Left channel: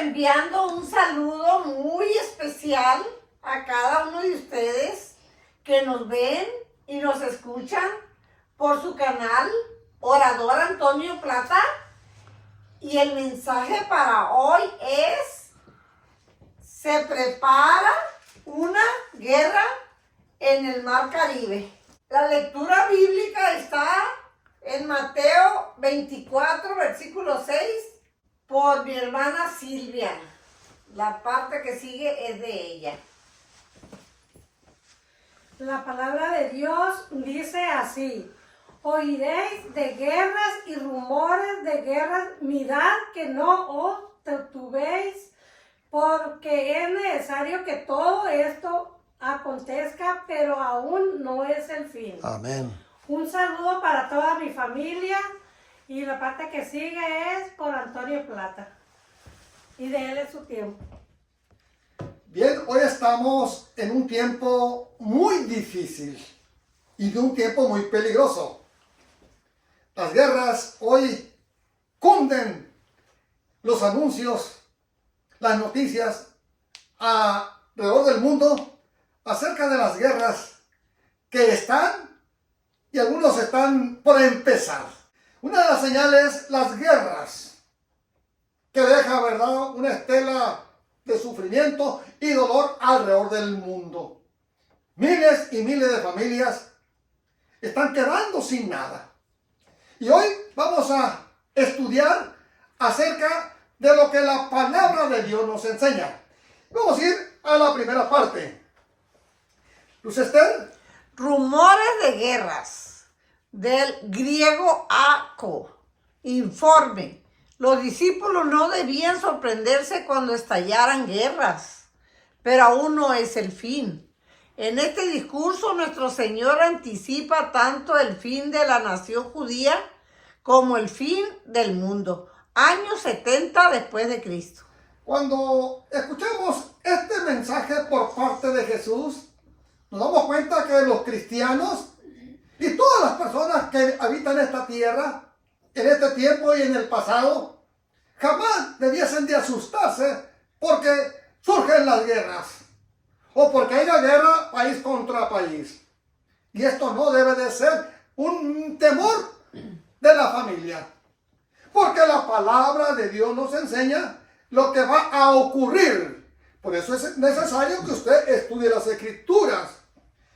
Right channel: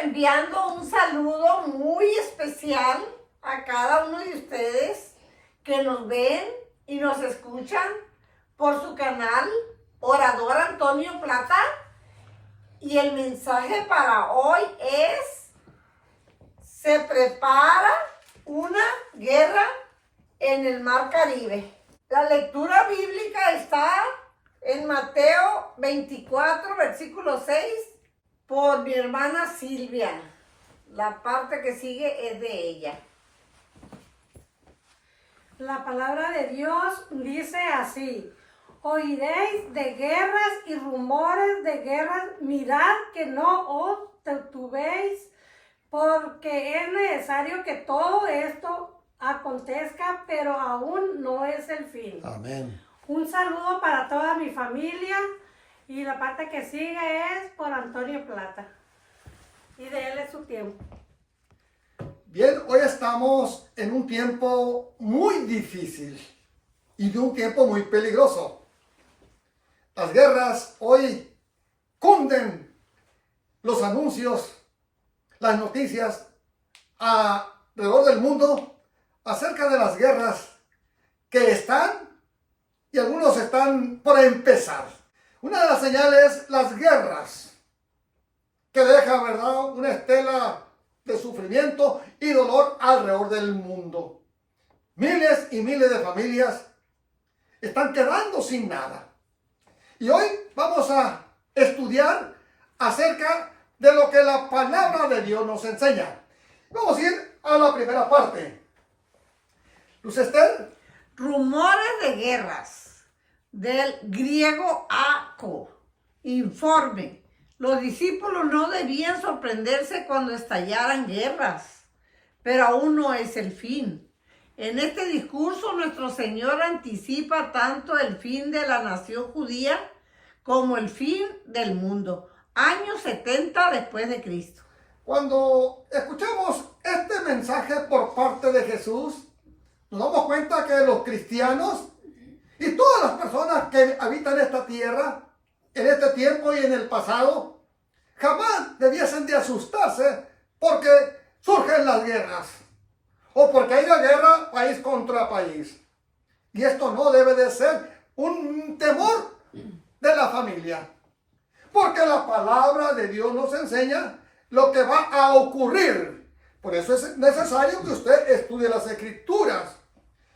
enviando un saludo muy especial a cada uno de ustedes que nos ven y nos escuchan por su canal Orador Antonio Plata. Y el mensaje para hoy es: se prepara una guerra en el Mar Caribe. La lectura bíblica está en Mateo 24, versículo 6, por mi hermana Silvia. La parte que sigue es de ella. La palabra de Dios dice así: oiréis de guerras y rumores de guerras, mirad que no os titubeéis, porque es necesario que todo esto acontezca, pero aún no es el fin. Amén. Un saludo para toda mi familia, y la parte que sigue es por Antonio Plata, y de él es su tiempo. Bien, hoy estamos en un tiempo muy difícil y de un tiempo muy peligroso. Las guerras hoy cunden los anuncios, las noticias alrededor del mundo acerca de las guerras que están y algunos están por empezar. Una de las señales, las guerras, que deja, ¿verdad?, una estela de sufrimiento y dolor alrededor del mundo. Miles y miles de familias están quedando sin nada. Y hoy vamos a estudiar acerca de lo que la palabra de Dios nos enseña. Vamos a ir a la primera parte. Luz Esther. Rumores de guerras, del griego ako, informe. Los discípulos no debían sorprenderse cuando estallaran guerras, pero aún no es el fin. En este discurso nuestro Señor anticipa tanto el fin de la nación judía como el fin del mundo, años 70 después de Cristo. Cuando escuchamos este mensaje por parte de Jesús, nos damos cuenta que los cristianos y todas las personas que habitan esta tierra, en este tiempo y en el pasado, jamás debiesen de asustarse porque surgen las guerras o porque hay una guerra país contra país. Y esto no debe de ser un temor de la familia, porque la palabra de Dios nos enseña lo que va a ocurrir. Por eso es necesario que usted estudie las Escrituras,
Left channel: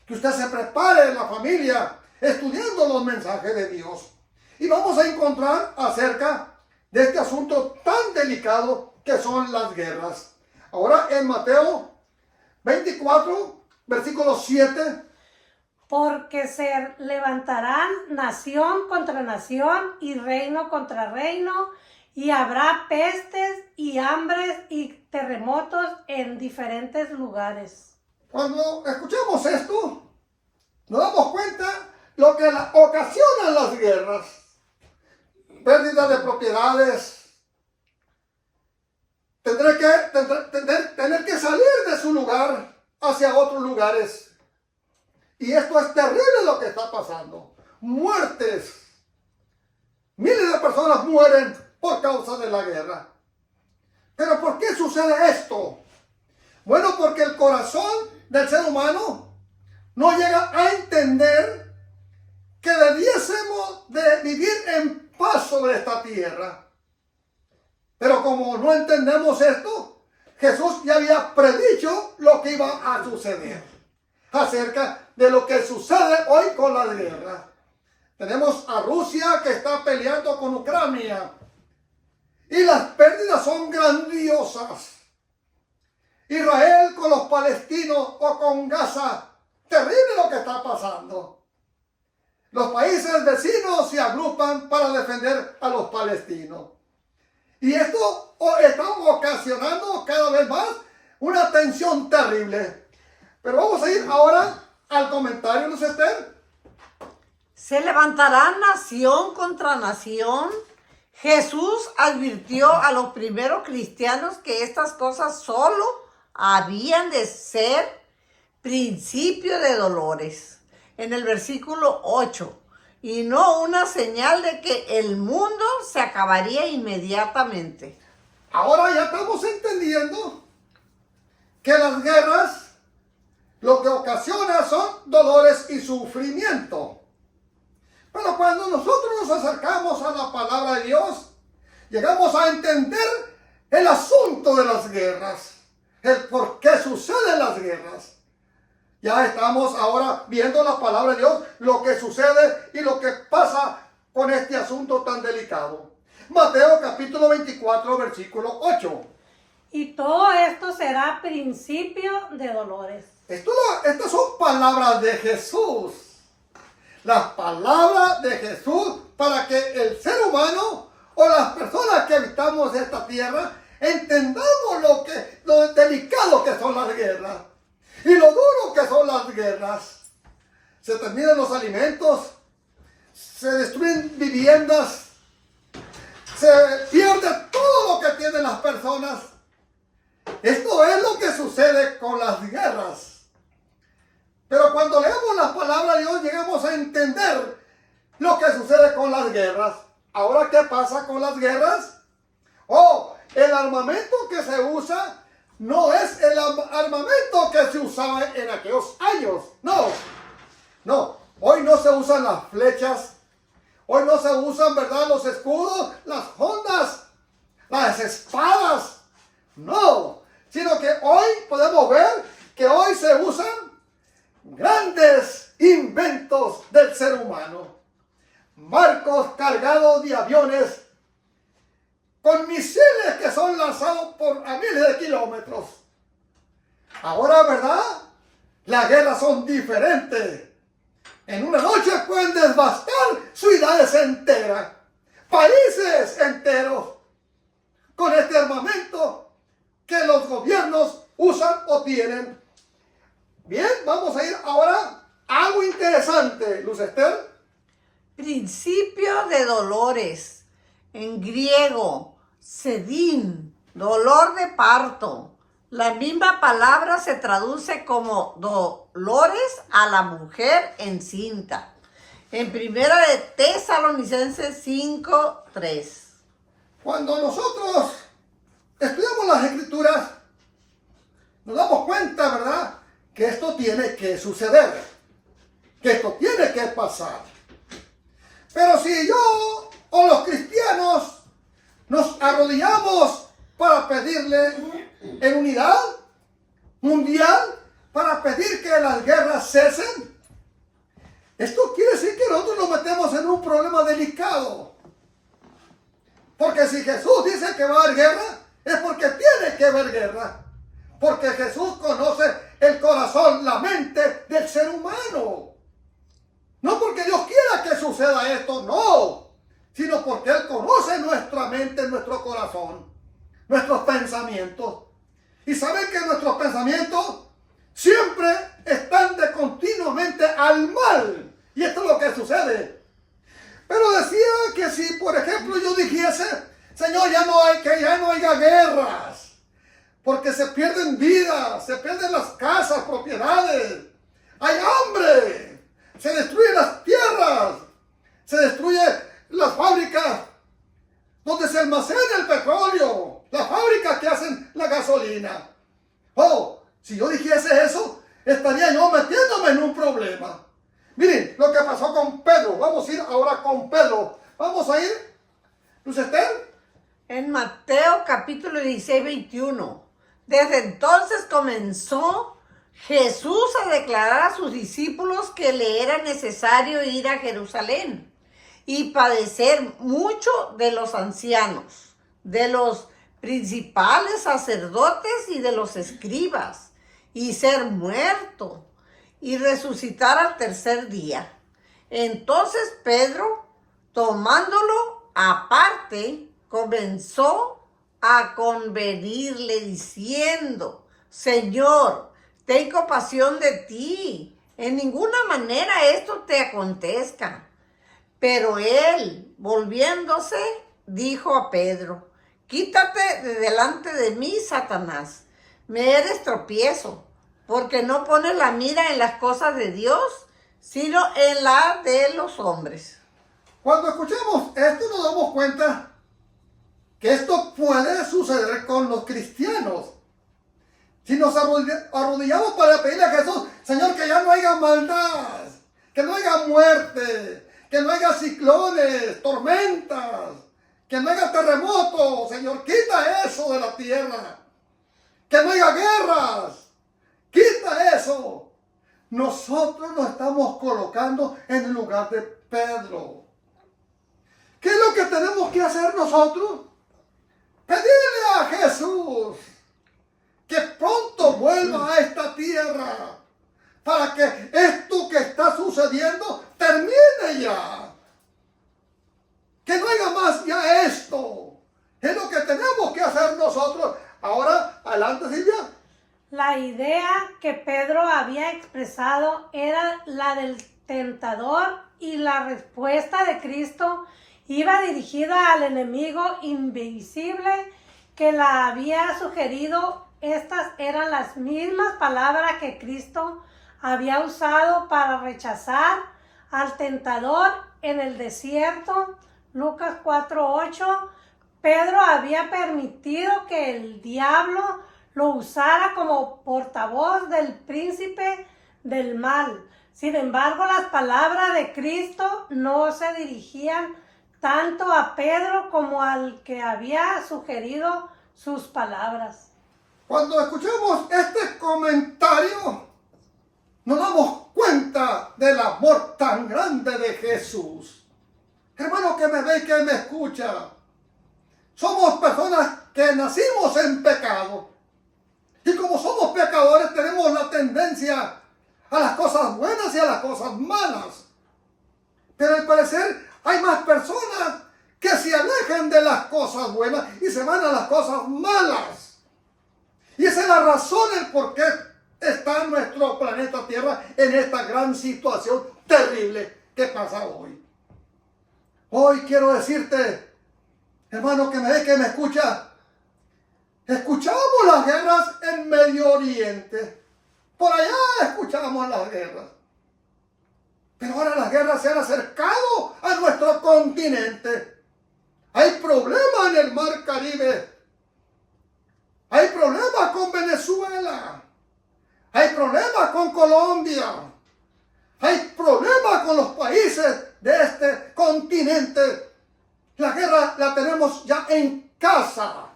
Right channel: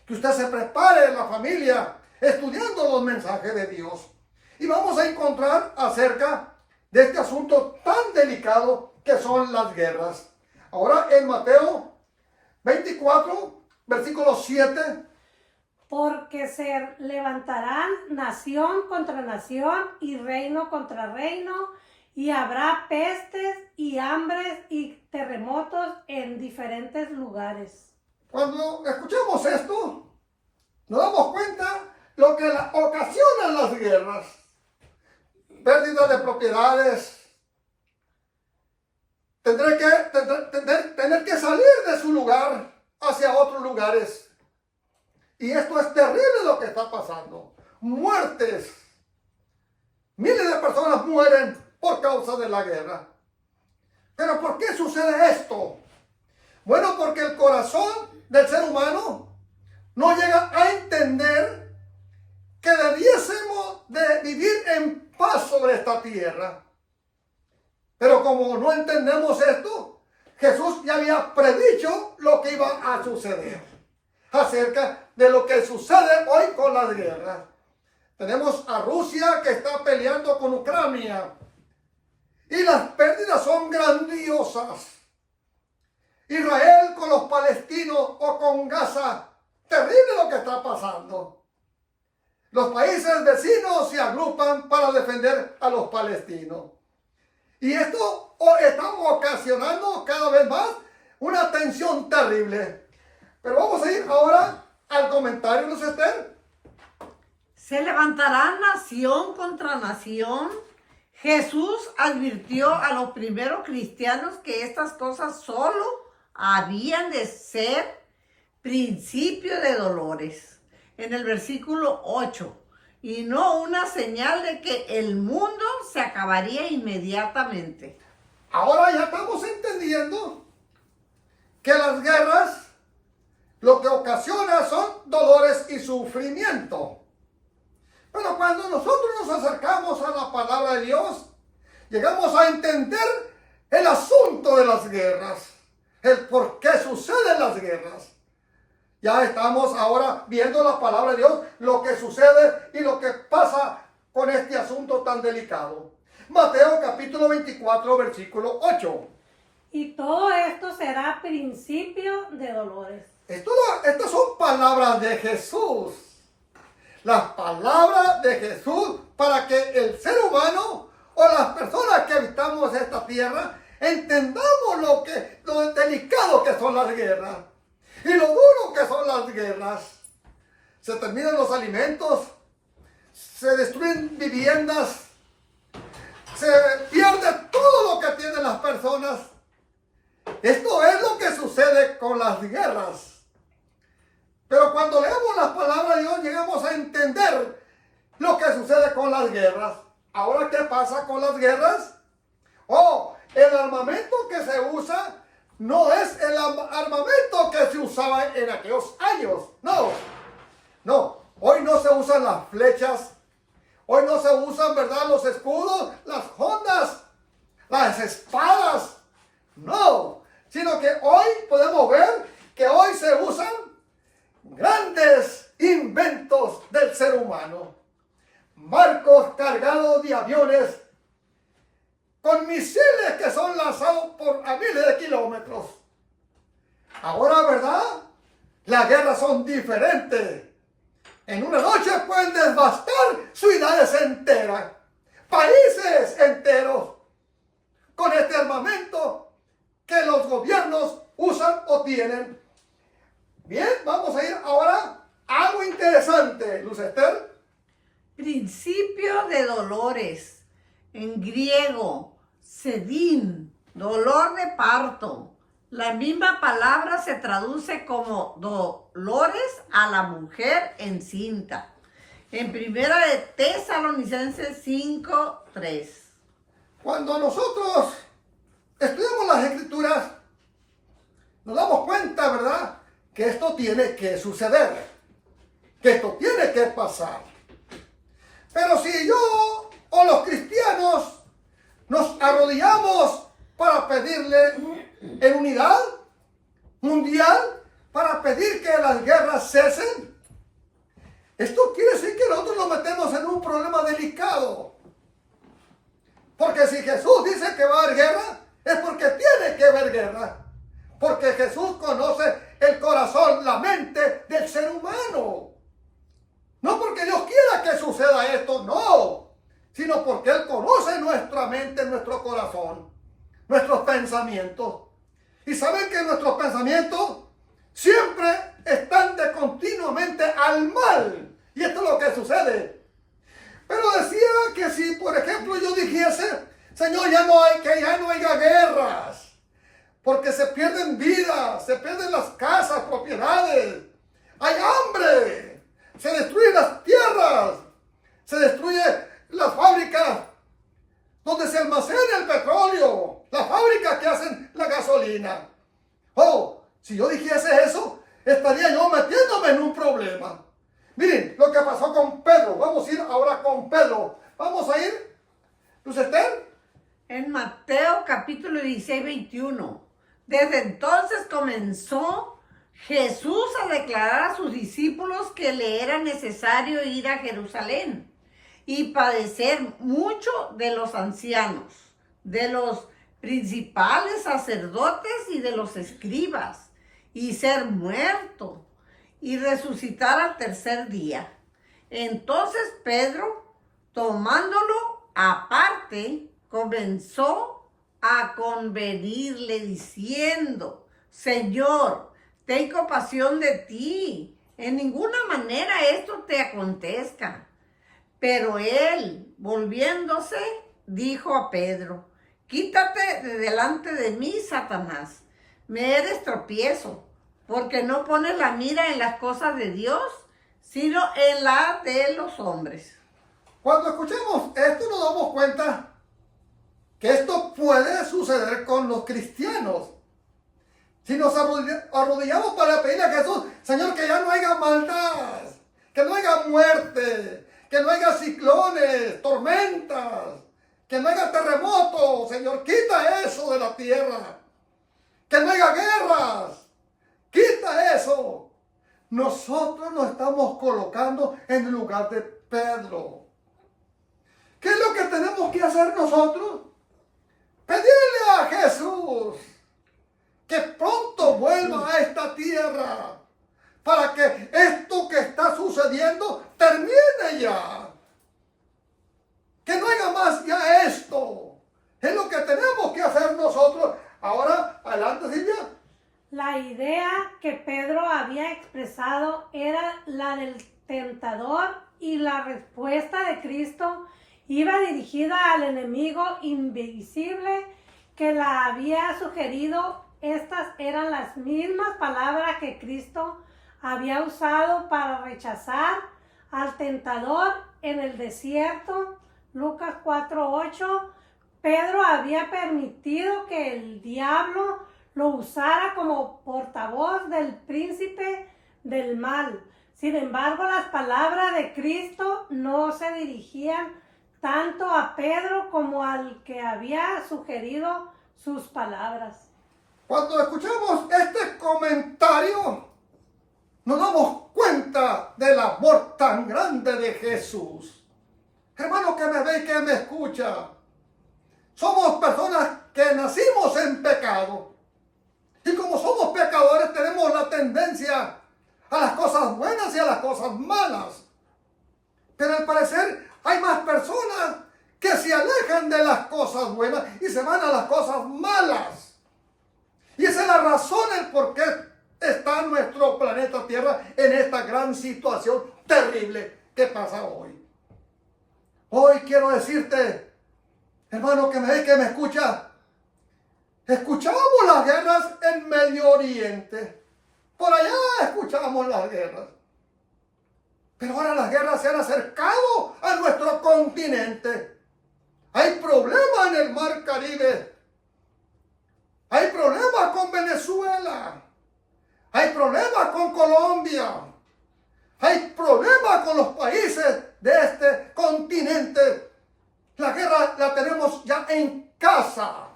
que usted se prepare en la familia estudiando los mensajes de Dios. Y vamos a encontrar acerca de este asunto tan delicado que son las guerras. Ahora en Mateo 24, versículo 7. Porque se levantarán nación contra nación y reino contra reino, y habrá pestes y hambres y terremotos en diferentes lugares. Cuando escuchamos esto, nos damos cuenta lo que ocasionan las guerras. Pérdida de propiedades, tener que salir de su lugar hacia otros lugares. Y esto es terrible lo que está pasando. Muertes. Miles de personas mueren por causa de la guerra. ¿Pero por qué sucede esto? Bueno, porque el corazón del ser humano no llega a entender que debiésemos de vivir en paz sobre esta tierra. Pero como no entendemos esto, Jesús ya había predicho lo que iba a suceder acerca de lo que sucede hoy con las guerras. Tenemos a Rusia que está peleando con Ucrania y las pérdidas son grandiosas. Israel con los palestinos o con Gaza, terrible lo que está pasando. Los países vecinos se agrupan para defender a los palestinos. Y esto está ocasionando cada vez más una tensión terrible. Pero vamos a ir ahora al comentario, Luz Esther. Se levantará nación contra nación. Jesús advirtió a los primeros cristianos que estas cosas solo habían de ser principio de dolores. En el versículo 8, y no una señal de que el mundo se acabaría inmediatamente. Ahora ya estamos entendiendo que las guerras lo que ocasiona son dolores y sufrimiento. Pero cuando nosotros nos acercamos a la palabra de Dios, llegamos a entender el asunto de las guerras, el por qué suceden las guerras. Ya estamos ahora viendo la palabra de Dios, lo que sucede y lo que pasa con este asunto tan delicado. Mateo capítulo 24, versículo 8. Y todo esto será principio de dolores. Estas son palabras de Jesús. Las palabras de Jesús para que el ser humano o las personas que habitamos esta tierra entendamos lo delicado que son las guerras y lo duro que son las guerras. Se terminan los alimentos, se destruyen viviendas, se pierde todo lo que tienen las personas. Esto es lo que sucede con las guerras. Pero cuando leemos las palabras de Dios llegamos a entender lo que sucede con las guerras. Ahora, ¿qué pasa con las guerras? El armamento que se usa no es el armamento que se usaba en aquellos años. No. Hoy no se usan las flechas. Hoy no se usan, ¿verdad?, los escudos, las hondas, las espadas. No. Sino que hoy podemos ver que hoy se usan grandes inventos del ser humano. Barcos cargados de aviones con misiles que son lanzados a miles de kilómetros. Ahora, ¿verdad?, las guerras son diferentes. En una noche pueden devastar ciudades enteras, países enteros, con este armamento que los gobiernos usan o tienen. Bien, vamos a ir ahora a algo interesante, Luz Esther. Principio de dolores. En griego, sedín, dolor de parto. La misma palabra se traduce como dolores a la mujer encinta. En primera de Tesalonicenses 5:3. Cuando nosotros estudiamos las Escrituras, nos damos cuenta, ¿verdad?, que esto tiene que suceder, que esto tiene que pasar. Pero si yo o los cristianos nos arrodillamos para pedirle en unidad mundial, para pedir que las guerras cesen, esto quiere decir que nosotros nos metemos en un problema delicado. Porque si Jesús dice que va a haber guerra, es porque tiene que haber guerra. Porque Jesús conoce el corazón, la mente del ser humano. No porque Dios quiera que suceda esto, no. Sino porque Él conoce nuestra mente, nuestro corazón, nuestros pensamientos. Y saben que nuestros pensamientos siempre están de continuamente al mal. Y esto es lo que sucede. Pero decía que si, por ejemplo, yo dijese, Señor, ya no haya guerras. Porque se pierden vidas, se pierden las casas, propiedades. Hay hambre. Se destruyen las tierras. Se destruyen las fábricas donde se almacena el petróleo. Las fábricas que hacen la gasolina. Si yo dijese eso, estaría yo metiéndome en un problema. Miren lo que pasó con Pedro. Vamos a ir ahora con Pedro. Vamos a ir, Luz Esther. En Mateo capítulo 16, 21. Desde entonces comenzó Jesús a declarar a sus discípulos que le era necesario ir a Jerusalén y padecer mucho de los ancianos, de los principales sacerdotes y de los escribas, y ser muerto y resucitar al tercer día. Entonces Pedro, tomándolo aparte, comenzó a convenirle diciendo, Señor, ten compasión de ti. En ninguna manera esto te acontezca. Pero él, volviéndose, dijo a Pedro, quítate de delante de mí, Satanás. Me eres tropiezo, porque no pones la mira en las cosas de Dios, sino en la de los hombres. Cuando escuchamos esto nos damos cuenta que esto puede suceder suceder con los cristianos. Si nos arrodillamos para pedirle a Jesús, Señor, que ya no haya maldad, que no haya muerte, que no haya ciclones, tormentas, que no haya terremotos, Señor, quita eso de la tierra, que no haya guerras, quita eso. Nosotros nos estamos colocando en el lugar de Pedro. ¿Qué es lo que tenemos que hacer nosotros? Pedirle a Jesús que pronto vuelva a esta tierra para que esto que está sucediendo termine ya. Que no haya más ya esto. Es lo que tenemos que hacer nosotros. Ahora, adelante, Silvia. La idea que Pedro había expresado era la del tentador y la respuesta de Cristo iba dirigida al enemigo invisible que la había sugerido. Estas eran las mismas palabras que Cristo había usado para rechazar al tentador en el desierto. Lucas 4:8. Pedro había permitido que el diablo lo usara como portavoz del príncipe del mal. Sin embargo, las palabras de Cristo no se dirigían tanto a Pedro como al que había sugerido sus palabras. Cuando escuchamos este comentario, nos damos cuenta del amor tan grande de Jesús. Hermano que me ve y que me escucha, somos personas que nacimos en pecado. Y como somos pecadores, tenemos la tendencia a las cosas buenas y a las cosas malas. Pero al parecer hay más personas que se alejan de las cosas buenas y se van a las cosas malas. Y esa es la razón, el por qué está nuestro planeta Tierra en esta gran situación terrible que pasa hoy. Hoy quiero decirte, hermano que me ve, que me escucha, escuchábamos las guerras en Medio Oriente. Por allá escuchábamos las guerras. Pero ahora las guerras se han acercado a nuestro continente. Hay problemas en el Mar Caribe. Hay problemas con Venezuela. Hay problemas con Colombia. Hay problemas con los países de este continente. La guerra la tenemos ya en casa.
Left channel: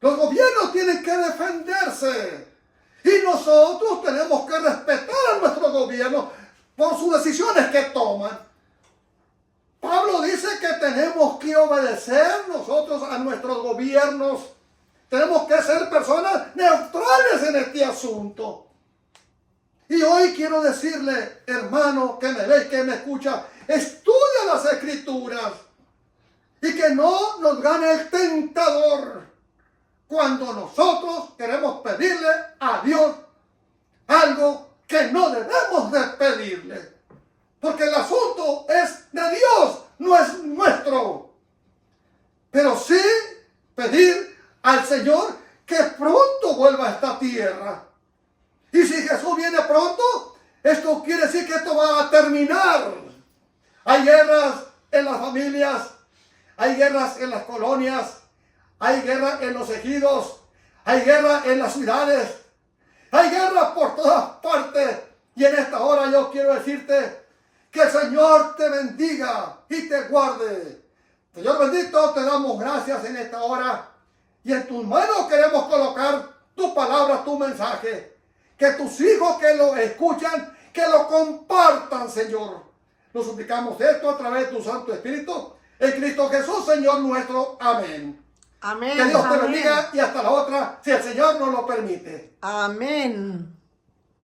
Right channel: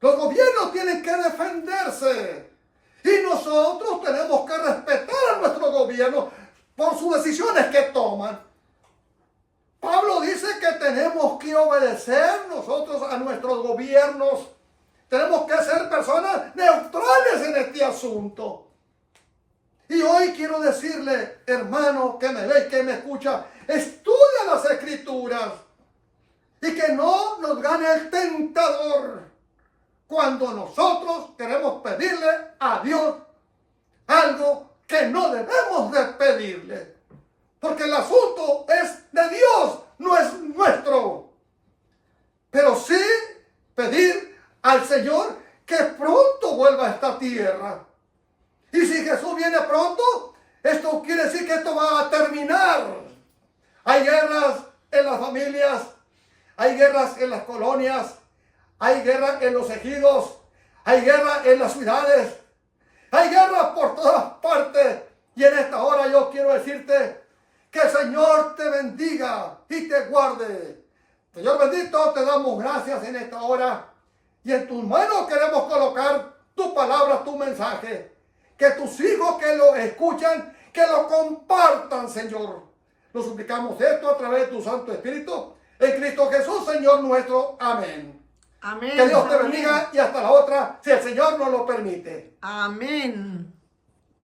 Los gobiernos tienen que defenderse. Y nosotros tenemos que respetar a nuestro gobierno por sus decisiones que toman. Pablo dice que tenemos que obedecer nosotros a nuestros gobiernos. Tenemos que ser personas neutrales en este asunto. Y hoy quiero decirle, hermano que me ve y que me escucha, estudia las Escrituras y que no nos gane el tentador cuando nosotros queremos pedirle a Dios algo que no debemos de pedirle. Porque el asunto es de Dios, no es nuestro. Pero sí pedir al Señor que pronto vuelva a esta tierra. Y si Jesús viene pronto, esto quiere decir que esto va a terminar. Hay guerras en las familias, hay guerras en las colonias, hay guerra en los ejidos, hay guerra en las ciudades, hay guerras por todas partes. Y en esta hora yo quiero decirte que el Señor te bendiga y te guarde. Señor bendito, te damos gracias en esta hora. Y en tus manos queremos colocar tu palabra, tu mensaje. Que tus hijos que lo escuchan, que lo compartan, Señor. Lo suplicamos esto a través de tu Santo Espíritu. En Cristo Jesús, Señor nuestro. Amén. Amén. Que Dios te Amén. bendiga y hasta la otra, si el Señor nos lo permite. Amén.